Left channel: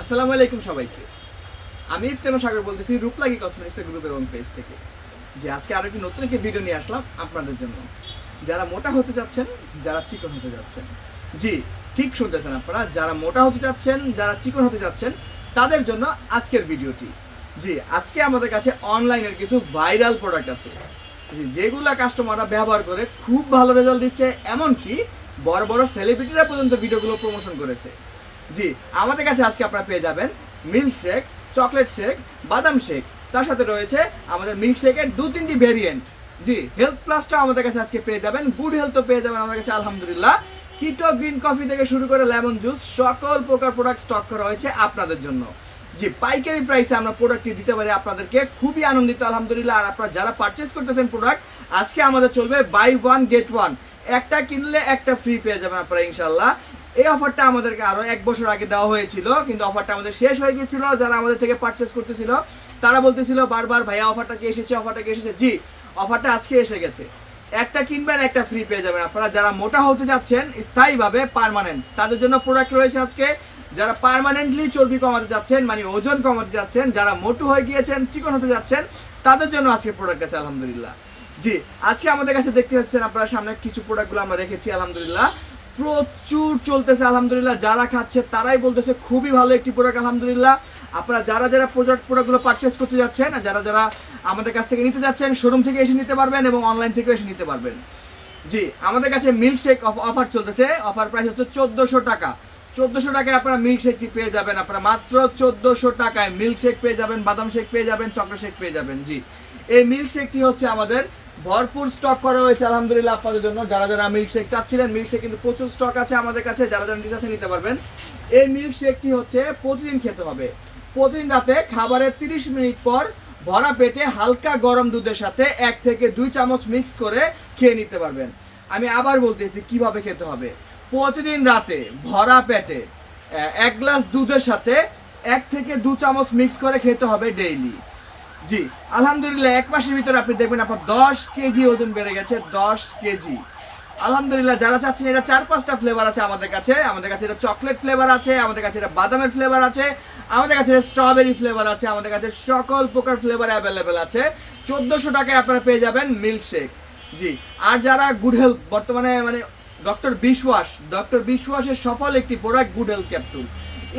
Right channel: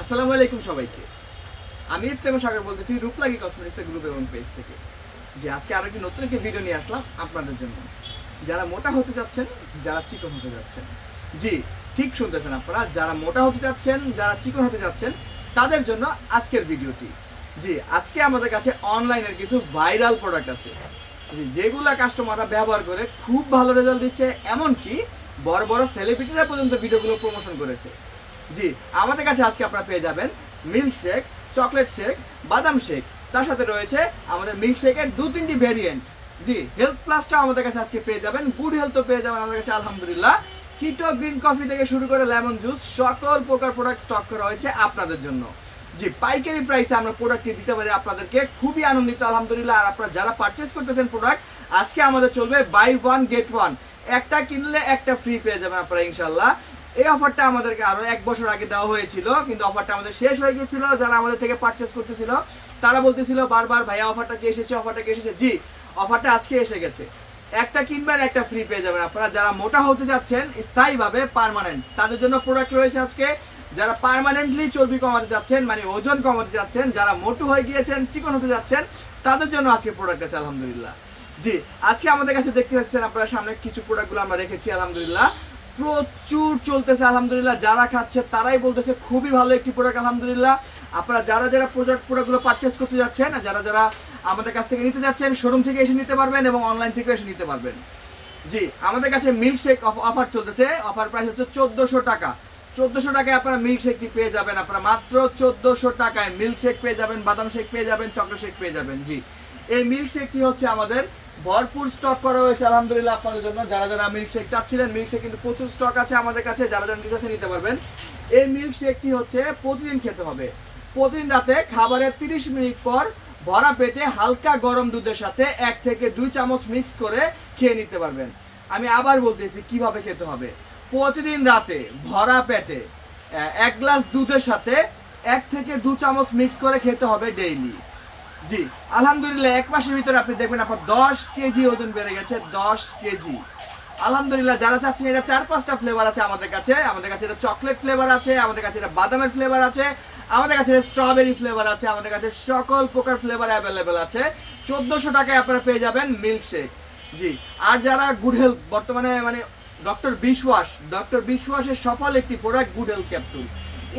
আসসালামু আলাইকুম সবাইকে। আমি ইফতেমা সাগর বলতেছি রূপলাগি কসমেটিক্সের গ্রুপ এবং পেজ থেকে। যে আজকে আরো নতুন একটি ভিডিও নিয়ে আসলাম আপনাদের জন্য। যারা মোটা হতে যাচ্ছেন, যারা চিকন হতে যাচ্ছেন, জি ঠিক শুনতেছেন আপনারা, যারা মোটা হতে যাচ্ছেন, যারা চিকন হতে যাচ্ছেন, তাদের জন্য আজকের ভিডিওটি। জি আজকে আমাদের কাছে অনলাইনের কিছু ভাইরাল প্রোডাক্ট আছে, জি যেগুলা কাস্টমাররা ব্যবহার করে খুব ভালো রেজাল্ট দিচ্ছে, এমনকি বড় বড় সেলিব্রিটিরা পর্যন্ত ভিডিওগুলো প্রমোশন করেছে। জি আমাদের কাছে আজকে আপনারা পেয়ে যাবেন মিল্ক শেক, চকলেট শেক, বাদাম শেক, তার সাথে রয়েছে আমাদের মিল্ক শেকের 2-3টি ভেরিয়েন্ট। জি হেলথ প্লাসটা আমাদের কাছে আজকে পেয়ে যাবেন, গুড হেলথও পেয়ে যাবেন আমাদের কাছে আলহামদুলিল্লাহ। কিটো গ্রিন কফি থেকে শুরু করে লেমন জুস, সকল প্রকার প্রোডাক্ট স্টক করা হয়েছে আপনাদের জন্য। জি পাইকারি প্রাইসে আমরা প্রোডাক্টটি দিতে পারি আপনাদেরকে, খুবই আনন্দিত আলহামদুলিল্লাহ। আর আপনারা যারা পারচেস করতেছেন প্রোডাক্ট, আজকে আমাদের চলবে বাই ওয়ান গেট ওয়ান, একটা কিনলে একটা ফ্রি পেয়ে যাবেন আপনারা ইনশাল্লাহ। এই অফারটা আমাদেরকে আরো 1 বছর আগে দেওয়া হয়েছিল, কিন্তু অফারটা আমাদের শেষ হয়ে গিয়েছিল। যারা আমাদের থেকে পারচেস করতেছিল তারা বলতেছিল বারবার, ভাইয়া অফারটা কি এসেছে, অফারটা কি এসেছে। জি অফারটা আজকে এসে গেছে, একটা কিনবেন একটা ফ্রি পেয়ে যাবেন আপনারা। যারা মোটা হতে যাচ্ছেন স্থায়ীভাবে পার্মানেন্ট, তাদের জন্য প্রোডাক্ট রয়েছে আজকে। যারা পার্মানেন্টলি চর্বি কমাতে যাচ্ছেন, মানে ওজন কমাতে যাচ্ছেন, যারা মোটু হয়ে গিয়েছেন, চিকন হতে যাচ্ছেন, তাদের জন্য আজকে প্রোডাক্ট আছে আলহামদুলিল্লাহ। জি আজকে আমাদের কাছে দেখতে পাচ্ছেন আপনারা সামনে কিছু প্রোডাক্টগুলো আমরা রেখেছি আলহামদুলিল্লাহ, প্রচুর চলতেছে আলহামদুলিল্লাহ। যারা খাচ্ছে তারাই বলতেছে খুবই ভালো একটি প্রোডাক্ট আলহামদুলিল্লাহ। আপনারা যারা যারা প্রোডাক্টগুলো পারচেস করতে যাচ্ছেন, যারা যারা আমাদের কাছ থেকে নিতে যাচ্ছেন, শোরুম থেকে এসে নিতে পারবেন এবং অনলাইন থেকে এসে নিতে পারবেন। জি আমাদের কাছে মিল্ক শেক অফার চলতেছে, অফার প্রাইস হচ্ছে 1400 টাকা। 1400 টাকায় আপনারা মিল্ক শেকটি পেয়ে যাবেন, আপনারা মাত্র 1400 টাকায় মিল্ক শেক পেয়ে যাবেন, বাদাম শেক পেয়ে যাবেন, চকলেট শেক পেয়ে যাবেন। জি এই মিল্ক শেকটি হচ্ছে আমাদের ভরপুর স্টক করা হয়েছে আলহামদুলিল্লাহ আপনাদের জন্য। যারা যারা মিল্ক শেক চাচ্ছিলেন, মিল্ক শেক কিন্তু প্রচুর স্টক আছে আমাদের কাছে, যারা যারা নিতে চাচ্ছেন নিতে পারবেন। এই মিল্ক শেকটি হচ্ছে প্রতিদিন খেতে হবে, প্রতিদিন রাতে খাবারের 30 মিনিট পর ভরা পেটে হালকা গরম দুধের সাথে 1 থেকে 2 চামচ মিক্স করে খেয়ে নিতে পারবেন। আমি আবার বলতেছি কিভাবে খেতে হবে। প্রতিদিন রাতে ভরা পেটে 1 গ্লাস দুধের সাথে 1 থেকে 2 চামচ মিক্স করে খেতে হবে ডেইলি। জি আলহামদুলিল্লাহ 1 মাসের ভিতরে আপনি দেখবেন আপনার 10 কেজি ওজন বেড়ে গেছে, 10 কেজি আলহামদুলিল্লাহ। যারা চাচ্ছেন, এটা 4-5টা ফ্লেভার আছে আমাদের কাছে। আমাদের কাছে এটা চকলেট ফ্লেভার আছে, আমাদের কাছে এটা বাদামের ফ্লেভার আছে, আমাদের কাছে এটা স্ট্রবেরি ফ্লেভার আছে, আমাদের কাছে সকল প্রকার ফ্লেভার অ্যাভেলেবেল আছে। 1400 টাকায় আপনারা পেয়ে যাবেন মিল্ক শেক। জি আর যারা গুড হেলথ, বর্তমানে মানে ডক্টর বিশওয়াসের সফল একটি প্রোডাক্ট গুড হেলথ ক্যাপসুল।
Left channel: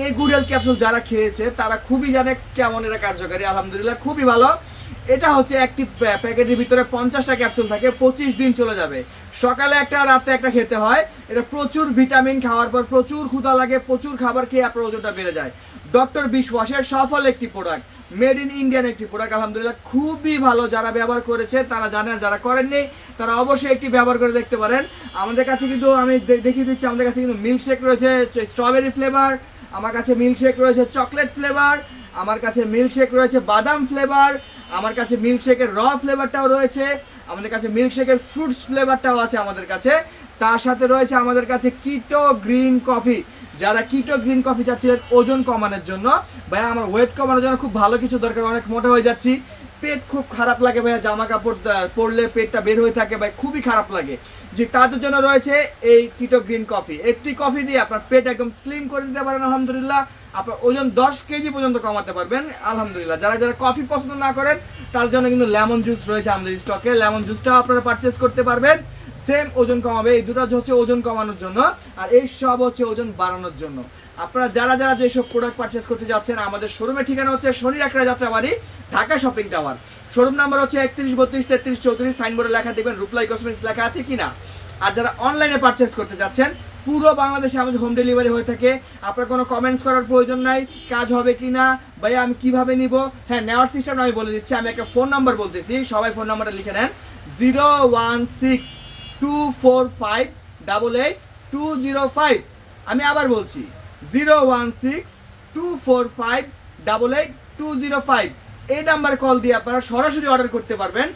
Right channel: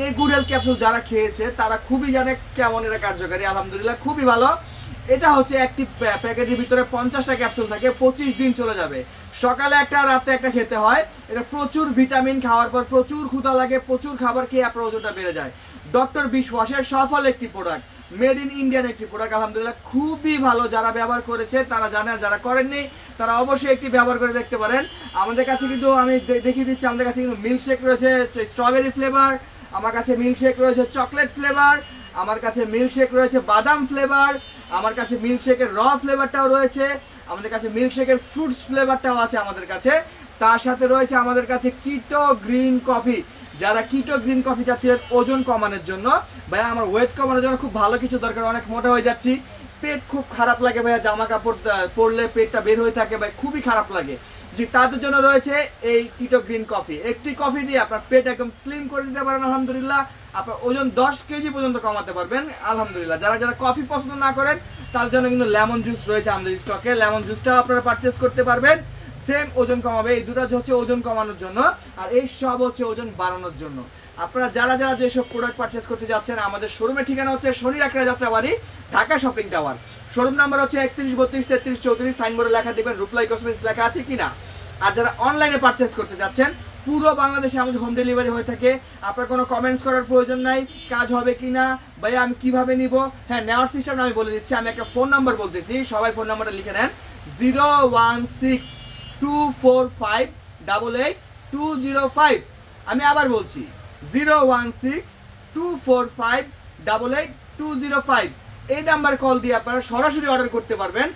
এই গুড হেলথ ক্যাপসুল যারা খেয়েছে তারা খুবই জানে কেমন এটা কার্যকারী, আলহামদুলিল্লাহ খুবই ভালো। এটা হচ্ছে একটি প্যাকেটের ভিতরে 50টা ক্যাপসুল থাকে, 25 দিন চলে যাবে। সকালে একটা, রাতে একটা খেতে হয়। এটা প্রচুর ভিটামিন, খাওয়ার পর প্রচুর ক্ষুধা লাগে, প্রচুর খাবার খেয়ে আপনার ওজনটা বেড়ে যায়। ডক্টর বিশওয়াসের সফল একটি প্রোডাক্ট, মেড ইন ইন্ডিয়ান একটি প্রোডাক্ট আলহামদুলিল্লাহ খুবই ভালো। যারা ব্যবহার করেছে তারা জানেন, যারা করেননি তারা অবশ্যই একটি ব্যবহার করে দেখতে পারেন। আমাদের কাছে কিন্তু আমি দেখিয়ে দিচ্ছি, আমাদের কাছে কিন্তু মিল্ক শেক রয়েছে স্ট্রবেরি ফ্লেভার, আমার কাছে মিল্ক শেক রয়েছে চকলেট ফ্লেভার, আমার কাছে মিল্ক শেক রয়েছে বাদাম ফ্লেভার, আমার কাছে মিল্ক শেকের র ফ্লেভারটাও রয়েছে, আমাদের কাছে মিল্ক শেকের ফ্রুটস ফ্লেভারটাও আছে আমাদের কাছে। তার সাথে রয়েছে আমাদের কাছে কিটো গ্রিন কফি। যারা কিটো গ্রিন কফি চাচ্ছিলেন ওজন কমানোর জন্য, ভাইয়া আমার ওয়েট কমানোর জন্য খুব ভালো কিছু দরকার, অনেক মোটা হয়ে যাচ্ছি, পেট খুব খারাপ লাগে ভাইয়া, জামা কাপড় পরলে পেটটা বের হয়ে থাকে ভাই, খুবই খারাপ লাগে। যে তাদের জন্য রয়েছে এই কিটো গ্রিন কফি। একটি কফি দিয়ে আপনার পেট একদম স্লিম করে দিতে পারেন আলহামদুলিল্লাহ, আপনার ওজন 10 কেজি পর্যন্ত কমাতে পারবেন আলহামদুলিল্লাহ। যারা যারা কফি পছন্দ না করেন তার জন্য কিন্তু লেমন জুস রয়েছে আমাদের স্টকে, লেমন জুসটাও আপনারা পারচেস করতে পারবেন, সেম ওজন কমাবে। এই দুটো হচ্ছে ওজন কমানোর জন্য, আর এই সব হচ্ছে ওজন বাড়ানোর জন্য। আপনারা যারা যারা যেসব প্রোডাক্ট পারচেস করতে যাচ্ছেন, আমাদের শোরুমের ঠিকানা হচ্ছে Shonir Akhra Jatrabari, Dhaka shopping tower. Showroom number হচ্ছে 31 32 33 34, সাইনবোর্ডে লেখা দেখবেন রূপলাই কসমেটিক্স লেখা আছে কিনা। আর যারা অনলাইনে পারচেস করতে যাচ্ছেন, পুরো বাংলাদেশে আমাদের হোম ডেলিভারি হয়ে থাকে। আপনার কোনো কমেন্টস করার প্রয়োজন নাই, কাজ হবে কিনা, ভাই আমি কিভাবে নিব। হ্যাঁ নেওয়ার সিস্টেম আমি বলে দিচ্ছি, আমি একটা ফোন নাম্বার বলতেছি, সবাই ফোন নাম্বারটা লিখে নেন 016-245-88205। আমি আবার বলছি 016-245-88205। এই নাম্বার কল দিয়ে আপনারা সরাসরি অর্ডার করতে পারবেন,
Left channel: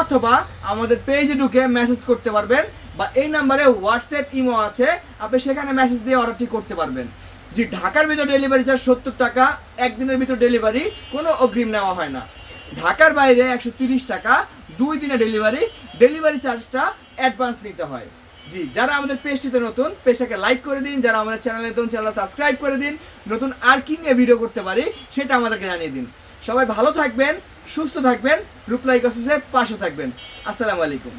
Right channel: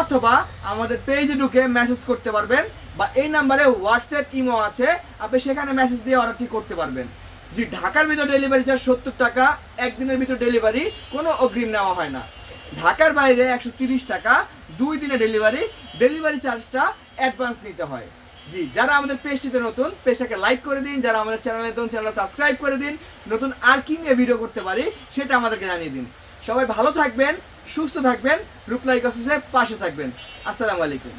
অথবা আমাদের পেজে ঢুকে মেসেজ করতে পারবেন, বা এই নাম্বারে হোয়াটসঅ্যাপ ইমো আছে, আপনি সেখানে মেসেজ দিয়ে অর্ডারটি করতে পারবেন। জি ঢাকার ভিতর ডেলিভারি চার্জ 70 টাকা, একদিনের ভিতর ডেলিভারি, কোনো অগ্রিম নেওয়া হয় না। ঢাকার বাইরে 130 টাকা, 2 দিনের ডেলিভারি, ডেলিভারি চার্জটা অ্যাডভান্স নিতে হয়। জি, যারা আমাদের পেজটিতে নতুন, পেজটাকে লাইক করে দিন, যারা আমাদের চ্যানেলে নতুন, চ্যানেল সাবস্ক্রাইব করে দিন, নতুন আর কি নিয়ে ভিডিও করতে পারি সেটা আমাদেরকে জানিয়ে দিন। সবাই ভালো থাকবেন, সুস্থ থাকবেন, রূপলাই কসমেটিক্সের পাশে থাকবেন। আসসালামু আলাইকুম।